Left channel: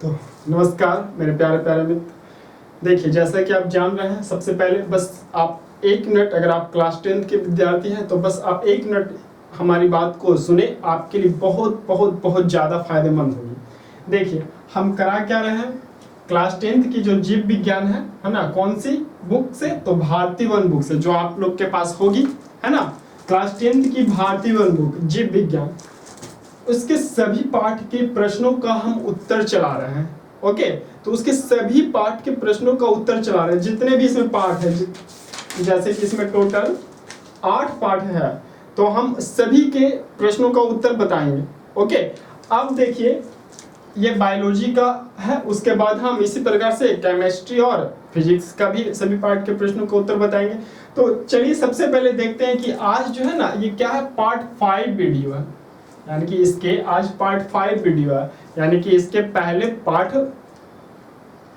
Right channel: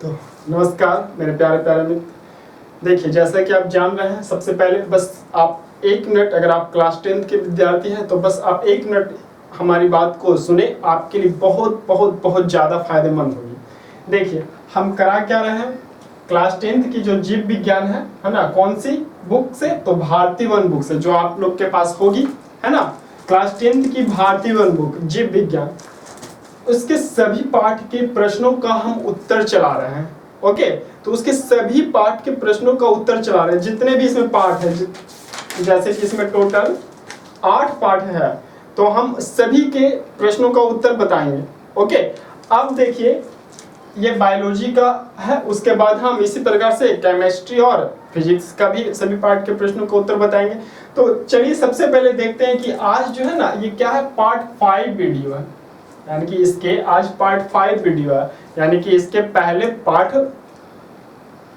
तो नमस्कार मेरे प्यारे प्यारे मित्र। देखिए, जैसा कि आप जान रहे हैं, सबसे पहले बस आप 1 मिनट, अगर आप क्लास 10th के विद्यार्थी हैं तो बस आप 1 मिनट हमारी बात को सुने, आपके लिए बहुत बहुत बहुत ज़्यादा फायदेमंद होगी। देखिए, हम करा क्या रहे हैं, क्लास 10th की जो जीव विज्ञान है ना, कौन सी बुक से, तो भारती वन बुक से, जो आप लोग के पास होगी, है ना, क्लास 10th की भारती वन बुक जीव विज्ञान, उसके सभी पाठ के प्रश्नों का हम उत्तर चला रहे हैं। ओके, तो उसके सभी पाठ के प्रश्नों का उत्तर चला रहे हैं, जितने भी इसमें पाठ है, जैसे कि इसमें टोटल 8 पाठ है, तो हम सभी के प्रश्नों का उत्तर बताएंगे। ओके, अब देखिए, ये बायोलॉजी का है, उसके बाद हम इसी प्रकार से केमिस्ट्री और फिजिक्स का भी सभी पार्ट के प्रश्नों का उत्तर बताएंगे। तो चलिए सबसे पहले देखते हैं कि आज जो है ना, ये क्या है, पार्ट 5 वीडियो है, यानी कि इसके आज पार्ट 5 वीडियो है, यानी कि इसके पहले पार्ट,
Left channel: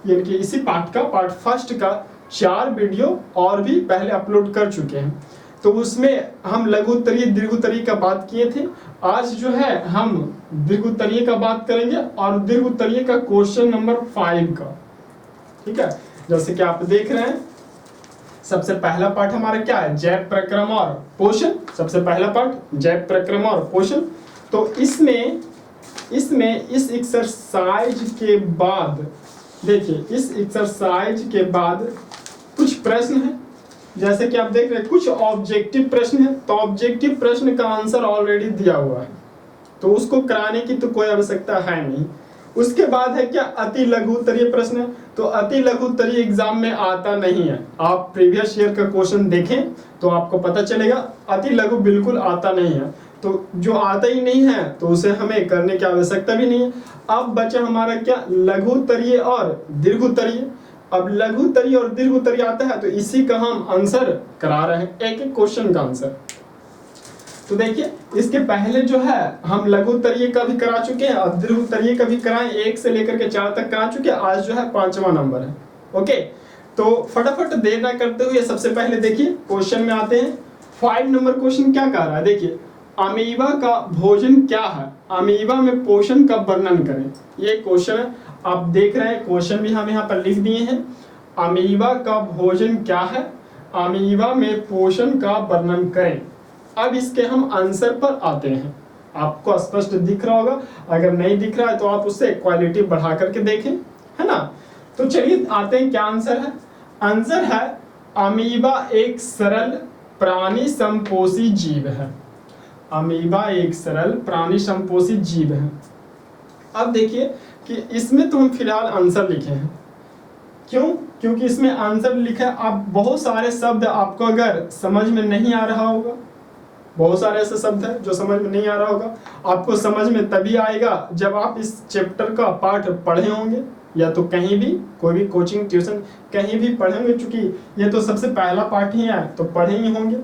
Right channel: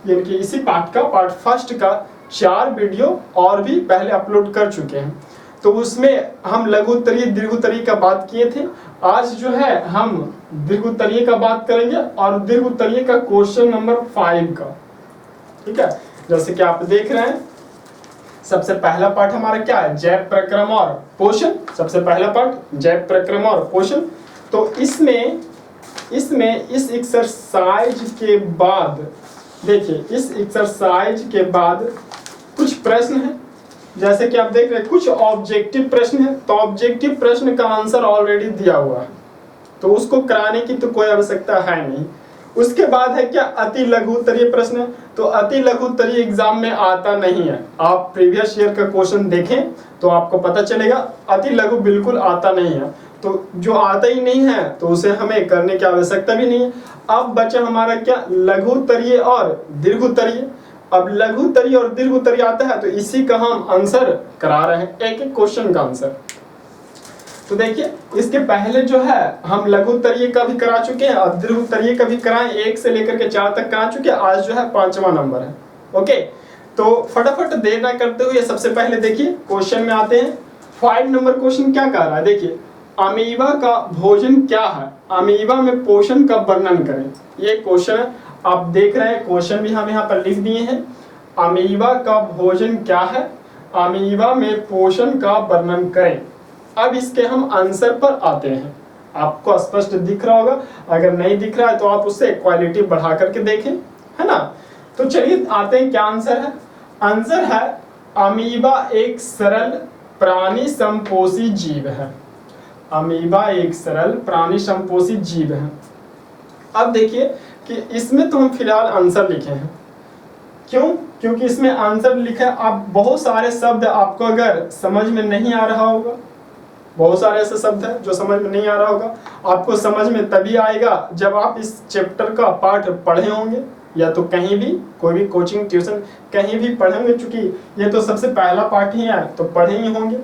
यानी कि इसी पार्ट का पार्ट फर्स्ट का 4 वीडियो और भी पहले अपलोड कर चुके हैं। तो उसमें हम लघु उत्तरीय दीर्घ उत्तरीय का बात किए थे। आज जो है हम दीर्घ उत्तरीय का बात करेंगे और दीर्घ उत्तरीय का क्वेश्चन नंबर 5 का, ठीक है। जैसे कि आप देख रहे हैं, सबसे पहला पार्ट हमारा क्या है, जैव प्रक्रम और पोषण। सबसे पहला पार्ट जैव प्रक्रम और पोषण। तो इसमें इस एक्सरसाइज के बाद, देखिए, इस एक्सरसाइज के बाद कुछ प्रश्न है, जैसे कि आप देख रहे हैं, कुछ ऑब्जेक्टिव प्रश्न है। तो ऑब्जेक्टिव प्रश्न का आंसर ऑलरेडी दिया हुआ है, तो उसको कराने की तो कोई आवश्यकता है नहीं। उसके बाद है क्या, अति लघु उत्तरीय प्रश्न। तो अति लघु उत्तरीय एग्जाम में आता नहीं है। आप प्रीवियस ईयर का क्वेश्चन देखें तो आपको पता चलेगा, अति लघु बिल्कुल आता नहीं है। तो जो आता ही नहीं है तो उसे हमें करने की आवश्यकता भी नहीं है। अब बचा हमारा क्या, लघु उत्तरीय और दीर्घ उत्तरीय। अब लघु उत्तरीय और दीर्घ उत्तरीय आता है, तो इसी का हम आंसर करा रहे हैं, एक एक क्वेश्चन का आंसर। तो देखिए, इसके पहले जो है हम लघु उत्तरीय का भी करा चुके हैं और दीर्घ उत्तरीय का भी कराएं, 1 से लेकर के 4 तक करा चुके हैं। आज जो है 5वां नंबर है। ओके, तो फटाफट देर ना करते हुए सबसे पहले देखिए क्वेश्चन में आते हैं। 5 नंबर क्वेश्चन क्या कह रहा है, देखिए, अमीबा का भोजन क्या है, अमीबा में पोषण का वर्णन करें। ये क्वेश्चन है, आप देख रहे हैं, क्वेश्चन भी हम यहाँ पर लिख दिए हैं। अमीबा का भोजन क्या है, अमीबा में पोषण का वर्णन करें। अब इसके हम आंसर पर आते हैं। आपको स्पष्ट दिख रहा होगा, अगर नहीं दिख रहा है तो आप उससे क्वालिटी बढ़ा करके देखें, है ना। तो चलिए आते हैं, क्या आंसर है। आंसर है, अमीबा एक सरल प्राणी संपोषी जीव है। अमीबा एक सरल प्राणी संपोषी जीव है। अब देखिए कि इसमें तो हम फिलहाल आंसर लिखे हैं, क्यों, क्योंकि इसमें आंसर लिखा है। आप बहुत सारे शब्द आपको अगर समझ में नहीं आ रहा होगा, बहुत सारे ऐसे शब्द हैं जो समझ में नहीं आ रहा होगा, आपको समझ में तभी आएगा जब आप इस चैप्टर का पाठ पढ़े होंगे, या तो कहीं भी कोई भी कोचिंग ट्यूशन कहीं भी पढ़े होंगे। चूंकि ये तो सबसे पहला पाठ ही है तो पढ़े ही होंगे,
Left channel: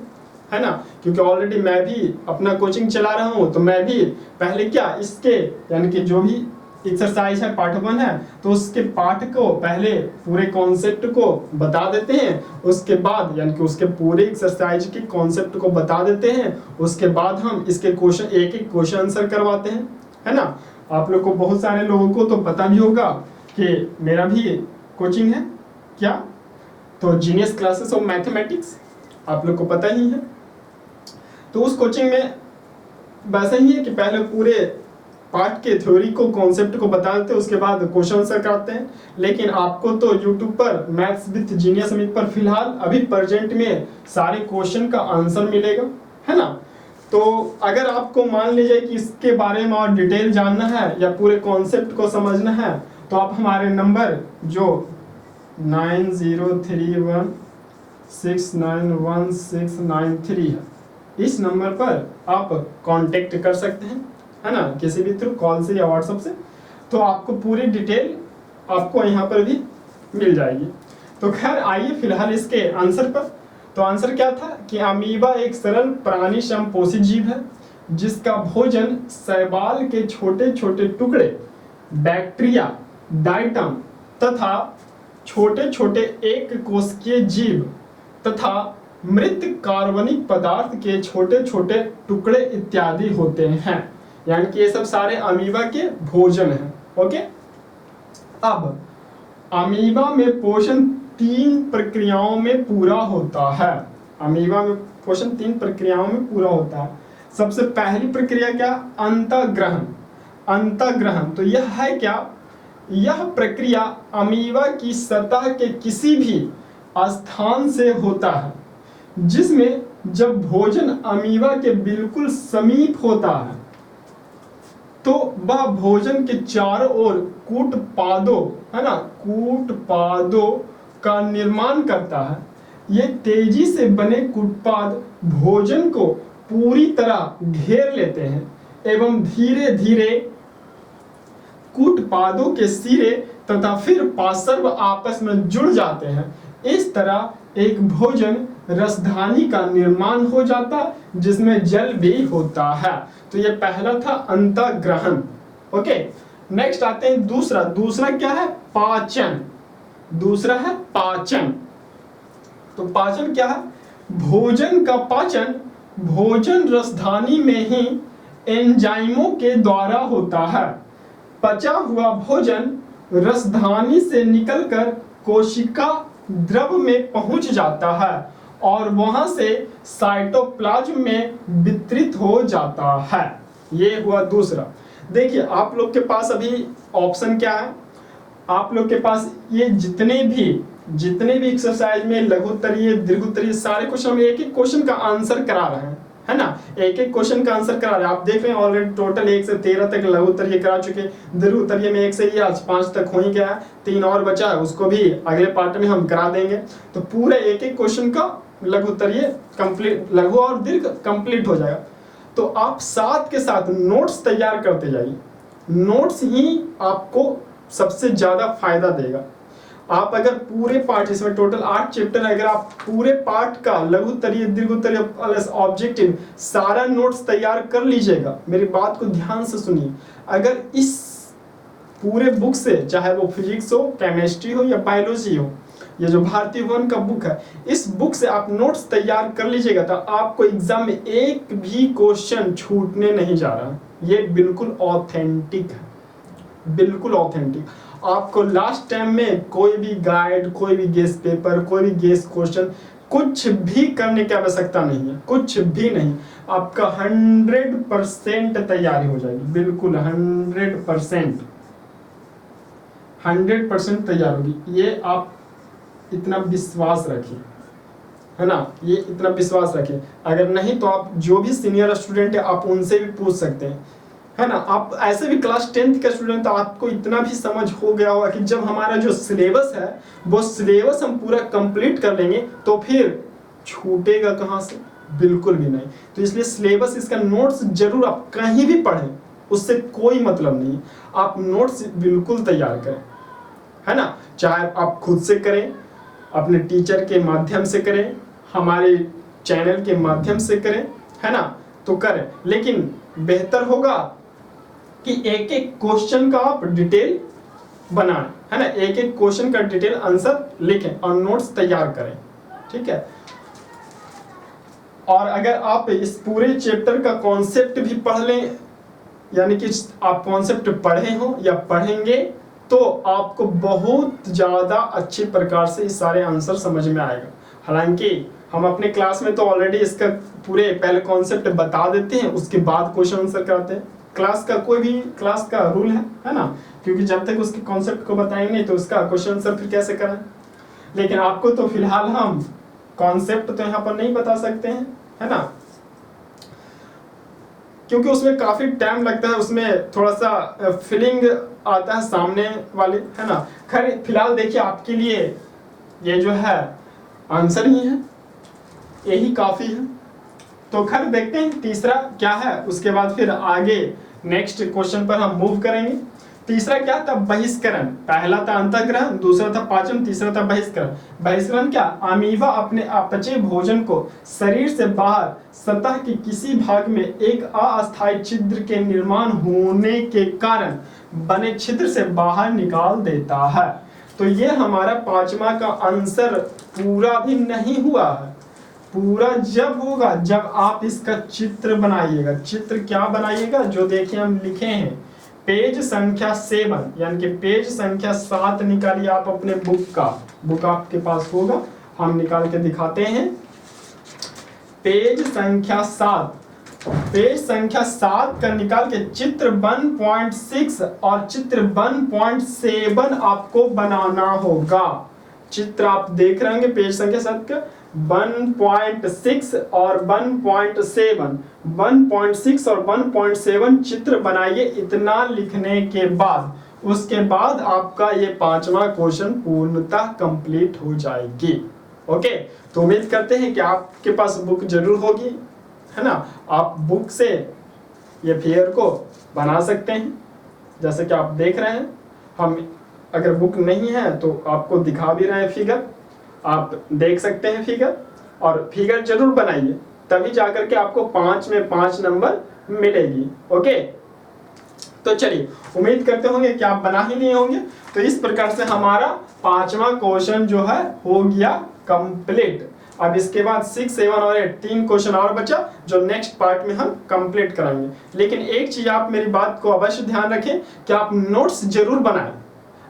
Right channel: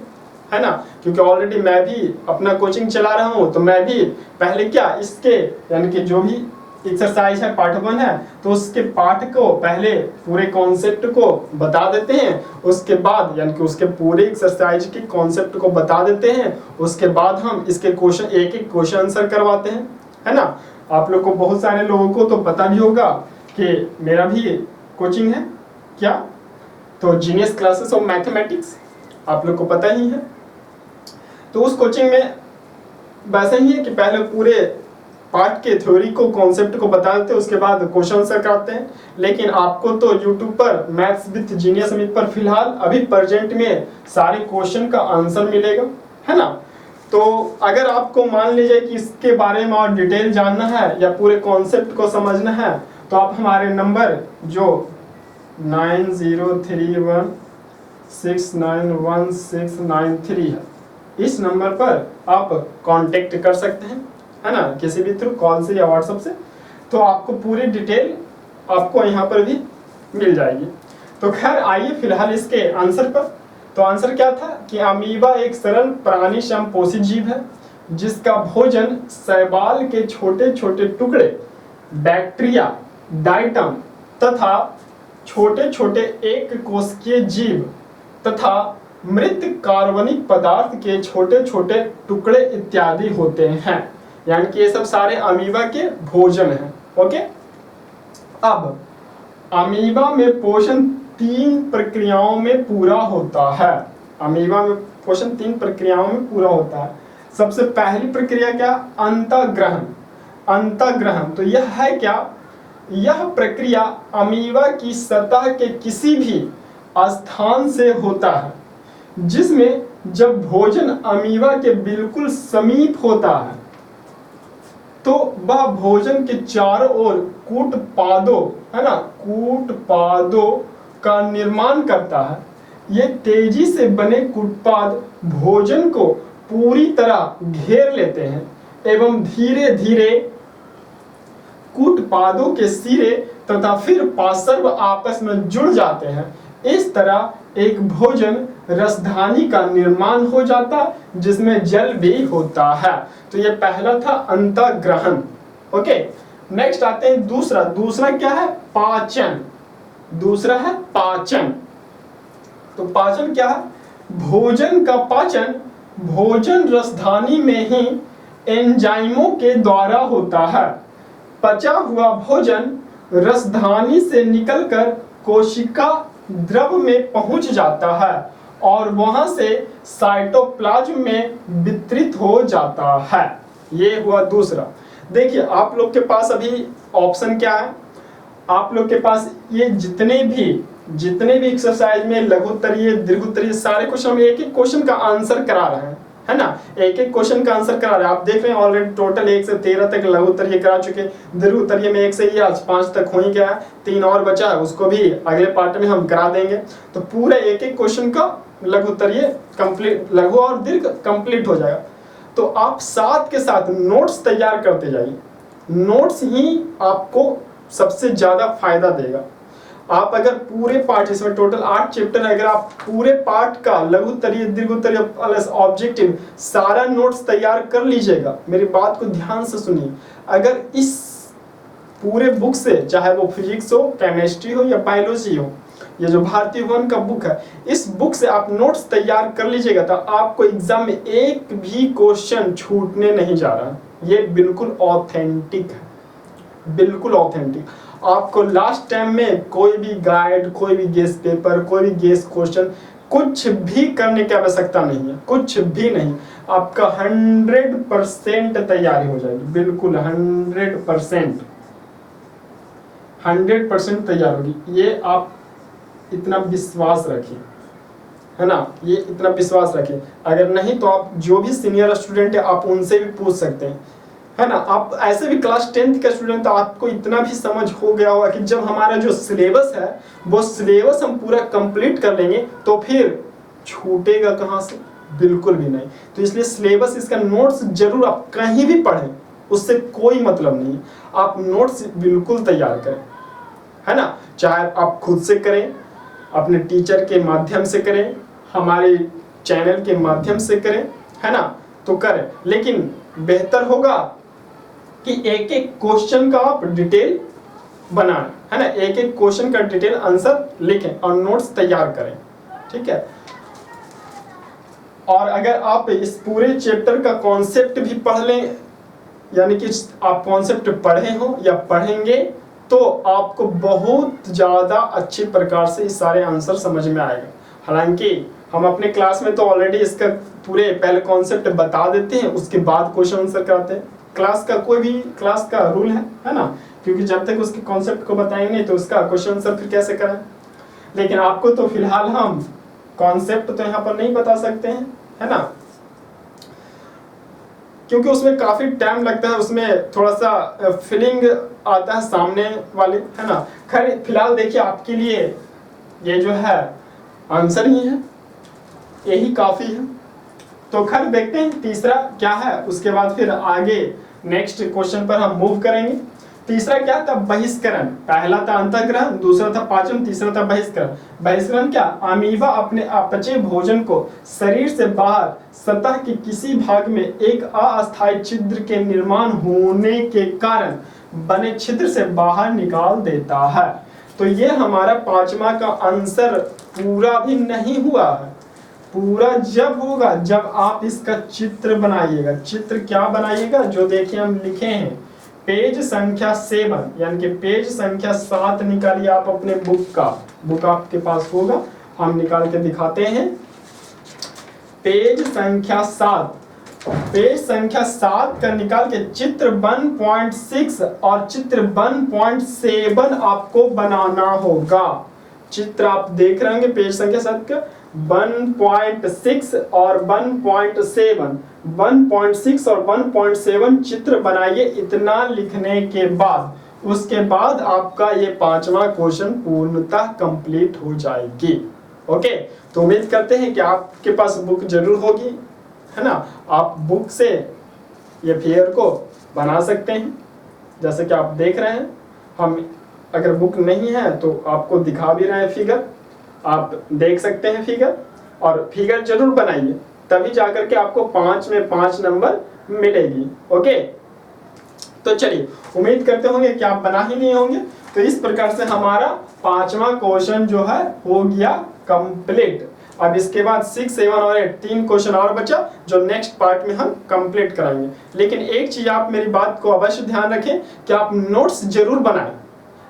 है ना, क्योंकि ऑलरेडी मैं भी अपना कोचिंग चला रहा हूँ। तो मैं भी पहले क्या, इसके यानी कि जो भी एक्सरसाइज है, पार्ट 1 है, तो उसके पाठ को पहले पूरे कॉन्सेप्ट को बता देते हैं। उसके बाद यानी कि उसके पूरे एक्सरसाइज के कॉन्सेप्ट को बता देते हैं। उसके बाद हम इसके क्वेश्चन, एक एक क्वेश्चन आंसर करवाते हैं, है ना। आप लोग को, बहुत सारे लोगों को तो पता भी होगा कि मेरा भी कोचिंग है, क्या, तो जीनियस क्लासेस ऑफ मैथमेटिक्स, आप लोग को पता ही है। तो उस कोचिंग में वैसे ही है कि पहले पूरे पार्ट के थ्योरी को, कॉन्सेप्ट को बता देते हैं, उसके बाद क्वेश्चन आंसर कराते हैं। लेकिन आपको तो यूट्यूब पर मैथ्स विद जीनियस अमित पर फिलहाल अभी प्रेजेंट में सारे क्वेश्चन का आंसर मिलेगा, है ना। तो अगर आपको मान लीजिए कि इसके बारे में और डिटेल जानना है या पूरे कॉन्सेप्ट को समझना है, तो आप हमारे नंबर जो 9031691693 है, इस नंबर पर आप कांटेक्ट कर सकते हैं, है ना, किसी भी थ्रू, कॉल से या व्हाट्सएप से। तो आपको पूरी डिटेल आपको यहाँ पर भी मिल जाएगी। तो खैर आइए फिलहाल इसके आंसर पर। तो आंसर क्या था कि अमीबा एक सरल प्राणी संपोषी जीव है जिसका भोजन शैवाल के छोटे छोटे टुकड़े, बैक्टीरिया, डाइटम तथा छोटे छोटे एक कोशिकीय जीव तथा मृत कार्बनिक पदार्थ के छोटे छोटे टुकड़े इत्यादि होते हैं। यानी कि ये सब सारे अमीबा के भोजन हैं। ओके, अब अमीबा में पोषण 3 प्रक्रियाओं में पूरा होता है। अमीबा में पोषण 3 प्रक्रियाओं में पूरा होता है। सबसे पहली प्रक्रिया क्या? अंतःग्रहण। अंतःग्रहण तो यह है क्या? यह प्रक्रिया अमीबा की सतह के किसी भी स्थान से होता है, जिसमें जब भोजन अमीबा के बिल्कुल समीप होता है तो वह भोजन के चारों ओर कूटपादों, है ना, कूटपादों का निर्माण करता है। ये तेजी से बने कूटपाद भोजन को पूरी तरह घेर लेते हैं एवं धीरे धीरे कूटपादों के सिरे तथा फिर पार्श्व आपस में जुड़ जाते हैं। इस तरह एक भोजन रसधानी का निर्माण हो जाता जिसमें जल भी होता है। तो ये पहला था अंतःग्रहण। ओके, नेक्स्ट आते हैं दूसरा। दूसरा क्या है? पाचन। दूसरा है पाचन। तो पाचन क्या है? भोजन का पाचन भोजन रसधानी में ही एंजाइमों के द्वारा होता है। पचा हुआ भोजन रसधानी से निकलकर कोशिका द्रव में पहुंच जाता है और वहां से साइटोप्लाज्म में वितरित हो जाता है। ये हुआ दूसरा। देखिए आप लोग के पास अभी ऑप्शन क्या है? आप लोग के पास ये जितने भी एक्सरसाइज में लघुत्तरीय दीर्घोत्तरीय सारे क्वेश्चन, हम एक एक क्वेश्चन का आंसर करा रहे हैं, है ना, एक एक क्वेश्चन का आंसर करा रहे हैं। आप देख रहे हैं ऑलरेडी टोटल 1 से 13 तक लघुत्तरीय करा चुके। दीर्घोत्तरीय में 1 से ही आज 5 तक हो ही गया है, 3 और बचा है, उसको भी अगले पार्ट में हम करा देंगे। तो पूरा एक एक क्वेश्चन का लघुत्तरीय कंप्लीट, लघु और दीर्घ कंप्लीट हो जाएगा। तो आप साथ के साथ नोट्स तैयार करते जाइए। नोट्स ही आपको सबसे ज्यादा फायदा देगा। आप अगर पूरे पार्ट, इसमें टोटल 8 चैप्टर है, अगर आप पूरे पार्ट का लघुत्तरीय दीर्घोत्तरीय प्लस ऑब्जेक्टिव सारा नोट्स तैयार कर लीजिएगा, मेरी बात को ध्यान से सुनिए। अगर इस पूरे बुक से, चाहे वो फिजिक्स हो, केमिस्ट्री हो या बायोलॉजी हो, ये जो भारतीय वन का बुक है, इस बुक से आप नोट्स तैयार कर लीजिएगा तो आपको एग्जाम में एक भी क्वेश्चन छूटने नहीं जा रहा। ये बिल्कुल ऑथेंटिक है, बिल्कुल ऑथेंटिक। आपको लास्ट टाइम में कोई भी गाइड, कोई भी गेस पेपर, कोई भी गेस क्वेश्चन, कुछ भी करने की आवश्यकता नहीं है, कुछ भी नहीं। आपका 100% तैयारी हो जाएगी, बिल्कुल 100% तैयार होगी। ये आप इतना विश्वास रखें, है ना, ये इतना विश्वास रखें। अगर नहीं तो आप जो भी सीनियर स्टूडेंट है आप उनसे भी पूछ सकते हैं, है ना। आप ऐसे भी क्लास 10th का स्टूडेंट, तो आपको इतना भी समझ हो गया होगा कि जब हमारा जो सिलेबस है वो सिलेबस हम पूरा कंप्लीट कर लेंगे तो फिर छूटेगा कहाँ से? बिल्कुल भी नहीं। तो इसलिए सिलेबस, इसका नोट्स जरूर आप कहीं भी पढ़ें, उससे कोई मतलब नहीं। आप नोट्स बिल्कुल तैयार करें, है ना, चाहे आप खुद से करें, अपने टीचर के माध्यम से करें, हमारे चैनल के माध्यम से करें, है ना, तो करें। लेकिन बेहतर होगा कि एक एक क्वेश्चन का आप डिटेल बनाएं, है ना, एक एक क्वेश्चन का डिटेल आंसर लिखें और नोट्स तैयार करें, ठीक है। और अगर आप इस पूरे चैप्टर का कॉन्सेप्ट भी पढ़ लें, यानी कि आप कॉन्सेप्ट पढ़े हो या पढ़ेंगे, तो आपको बहुत ज्यादा अच्छी प्रकार से इस सारे आंसर समझ में आएगा। हालांकि हम अपने क्लास में तो ऑलरेडी इसका पूरे पहले कॉन्सेप्ट बता देते हैं, उसके बाद क्वेश्चन आंसर कराते हैं। क्लास का कोई भी क्लास का रूल है ना, क्योंकि जब तक उसके कॉन्सेप्ट को बताएंगे नहीं तो उसका क्वेश्चन आंसर फिर कैसे करें। लेकिन आपको तो फिलहाल हम कॉन्सेप्ट तो यहाँ पर नहीं बता सकते हैं, है ना, क्योंकि उसमें काफी टाइम लगता है, उसमें थोड़ा सा फीलिंग आता है सामने वाले, है ना। खैर फिलहाल देखिए आपके लिए ये जो है आंसर ही है, यही काफी है। तो खैर देखते हैं तीसरा क्या है, उसके बाद फिर आगे नेक्स्ट क्वेश्चन पर हम मूव करेंगे। तीसरा क्या था? बहिष्करण। पहला था अंतःग्रहण, दूसरा था पाचन, तीसरा था बहिष्करण। बहिष्करण क्या? अमीबा अपने अपचे भोजन को शरीर से बाहर सतह के किसी भाग में एक अस्थायी छिद्र के निर्माण होने के कारण बने छिद्र से बाहर निकाल देता है। तो ये हमारा पांचवा का आंसर पूरा भी नहीं हुआ है। पूरा जब होगा जब आप इसका चित्र बनाइएगा। चित्र क्या बनाइएगा? जो देखिए हम लिखे हैं पेज संख्या 7, यानी कि पेज संख्या 7 निकालिए आप अपने बुक का। बुक आपके पास होगा, हम निकाल के दिखाते हैं। पेज संख्या 7, पेज संख्या 7 का निकाल के चित्र 1.6 और चित्र 1.7 आपको बनाना होगा। चित्र आप देख रहे होंगे पेज संख्या 7 का 1.6 और 1.7, 1.6 और 1.7 चित्र बनाइए। इतना लिखने के बाद उसके बाद आपका ये 5वां क्वेश्चन पूर्णतः कंप्लीट हो जाएगी। ओके, तो उम्मीद करते हैं कि आपके पास बुक जरूर होगी, है ना। आप बुक से ये फिगर को बना सकते हैं, जैसे कि आप देख रहे हैं। हम अगर बुक नहीं है तो आपको दिखा भी रहे हैं फिगर, आप देख सकते हैं फिगर, और फिगर जरूर बनाइए, तभी जाकर के आपको 5 में 5 नंबर मिलेगी। ओके, तो चलिए उम्मीद करते होंगे कि आप बना ही नहीं होंगे। तो इस प्रकार से हमारा 5वां क्वेश्चन जो है हो गया कंप्लीट। अब इसके बाद 6, 7 और 8 3 क्वेश्चन और बचा, जो नेक्स्ट पार्ट में हम कंप्लीट कराएंगे। लेकिन एक चीज आप मेरी बात को अवश्य ध्यान रखें कि आप नोट्स जरूर बनाएं।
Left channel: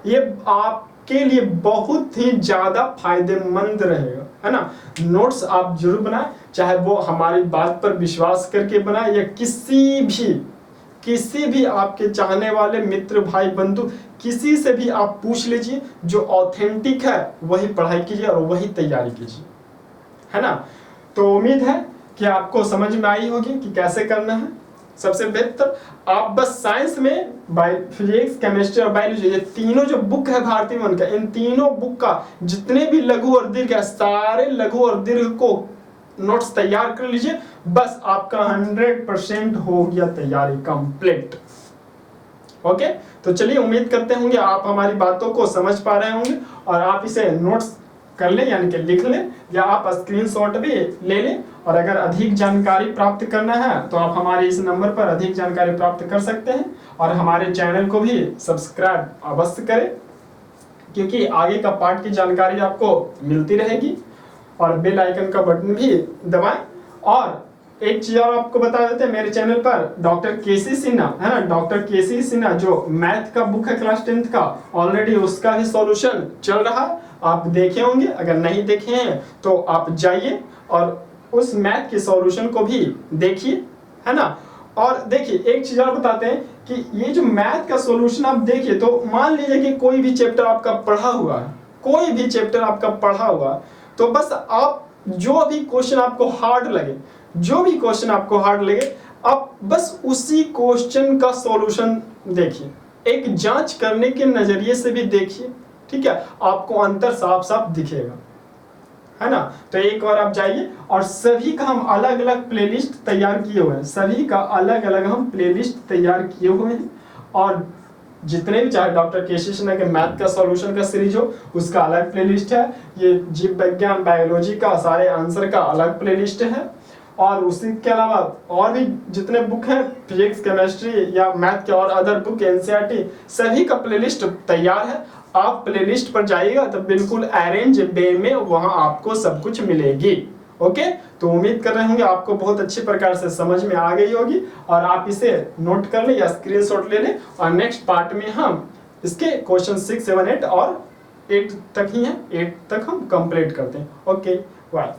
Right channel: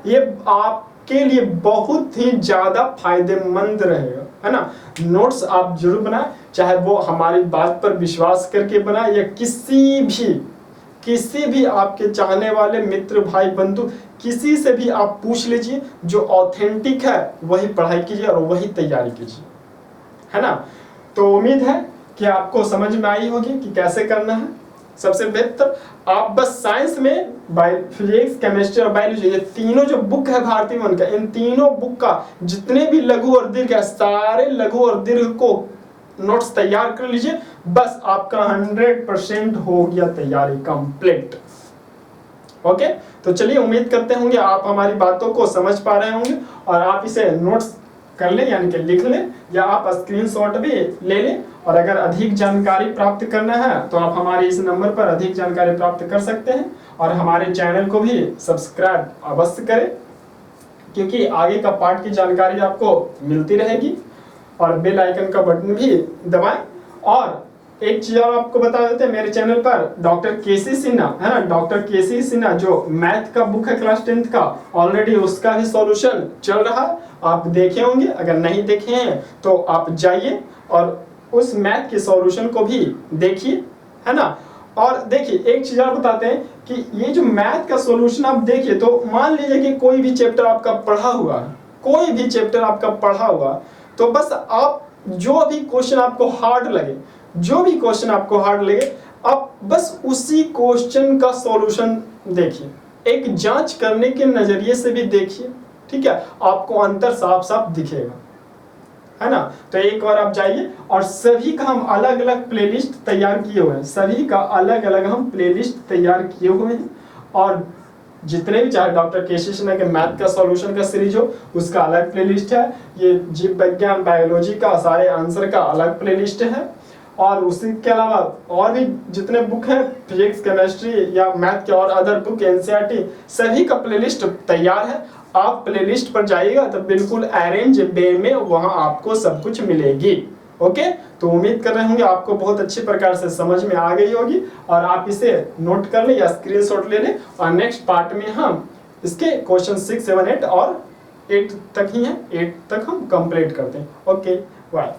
ये आपके लिए बहुत ही ज्यादा फायदेमंद रहेगा, है ना। नोट्स आप जरूर बनाएं, चाहे वो हमारी बात पर विश्वास करके बनाएं या किसी भी आपके चाहने वाले मित्र, भाई, बंधु, किसी से भी आप पूछ लीजिए। जो ऑथेंटिक है वही पढ़ाई कीजिए और वही तैयारी कीजिए, है ना। तो उम्मीद है कि आपको समझ में आई होगी कि कैसे करना है। सबसे बेहतर आप बस साइंस में फिजिक्स, केमिस्ट्री और बायोलॉजी, ये तीनों जो बुक है भारती मन का, इन तीनों बुक का जितने भी लघु और दीर्घ है, सारे लघु और दीर्घ को नोट्स तैयार कर लीजिए। बस आपका 100% हो गया तैयारी कंप्लीट। ओके, तो चलिए उम्मीद करते होंगे आप हमारी बातों को समझ पा रहे होंगे और आप इसे नोट्स कर लें, यानी कि लिख लें, या आप स्क्रीनशॉट भी ले लें। और अगर अधिक जानकारी प्राप्त करना है तो आप हमारे इस नंबर पर अधिक जानकारी प्राप्त कर सकते हैं। और हमारे चैनल को भी सब्सक्राइब अवश्य करें, क्योंकि आगे का पार्ट की जानकारी आपको मिलती रहेगी। और बेल आइकन का बटन भी दबाएं। और एक चीज और आपको बता देते हैं, मेरे चैनल पर डॉक्टर केसी सिन्हा, है ना, डॉक्टर केसी सिन्हा जो मैथ का बुक है क्लास 10th का, ऑलरेडी उसका भी सॉल्यूशन चल रहा है, आप देखे होंगे। अगर नहीं देखे हैं तो आप जाइए और उस मैथ के सॉल्यूशन को भी देखिए, है ना। और देखिए एक चीज और बताते हैं कि ये जो मैथ का सॉल्यूशन आप देखिए, तो मान लीजिए कि कोई भी चैप्टर आपका पढ़ा हुआ है, कोई भी चैप्टर आपका पढ़ा हुआ, तो बस आप जो भी क्वेश्चन आपको हार्ड लगे, जो भी क्वेश्चन आपको हार्ड लगे, आप बस उसी क्वेश्चन का सॉल्यूशन देखिए, एक जांच करने के नजरिए से भी देखिए, ठीक है। आपको अंतर साफ साफ दिखेगा, है ना। तो एक बार आप जाइए, और सभी का हम अलग अलग प्लेलिस्ट तैयार किए हुए हैं, सभी का अलग अलग हम प्लेलिस्ट तैयार किए हुए हैं। और जितने भी, चाहे डॉक्टर केसी सिन्हा के मैथ का सॉल्यूशन का सीरीज हो, उसका अलग प्लेलिस्ट है। ये जीव विज्ञान, बायोलॉजी का सारे आंसर का अलग प्लेलिस्ट है। और उसी के अलावा और भी जितने बुक हैं, फिजिक्स, केमिस्ट्री या मैथ के और अदर बुक, एनसीईआरटी, सभी का प्लेलिस्ट तैयार है। आप प्लेलिस्ट पर जाइएगा तो बिल्कुल अरेंज वे में वहां आपको सब कुछ मिलेगी। ओके, तो उम्मीद कर रहे होंगे आपको बहुत अच्छी प्रकार से समझ में आ गई होगी, और आप इसे नोट कर लें या स्क्रीनशॉट ले लें। और नेक्स्ट पार्ट में हम इसके क्वेश्चन 6, 7, 8 और 8 तक ही हैं, 8 तक हम कंप्लीट करते हैं। Okay, bye.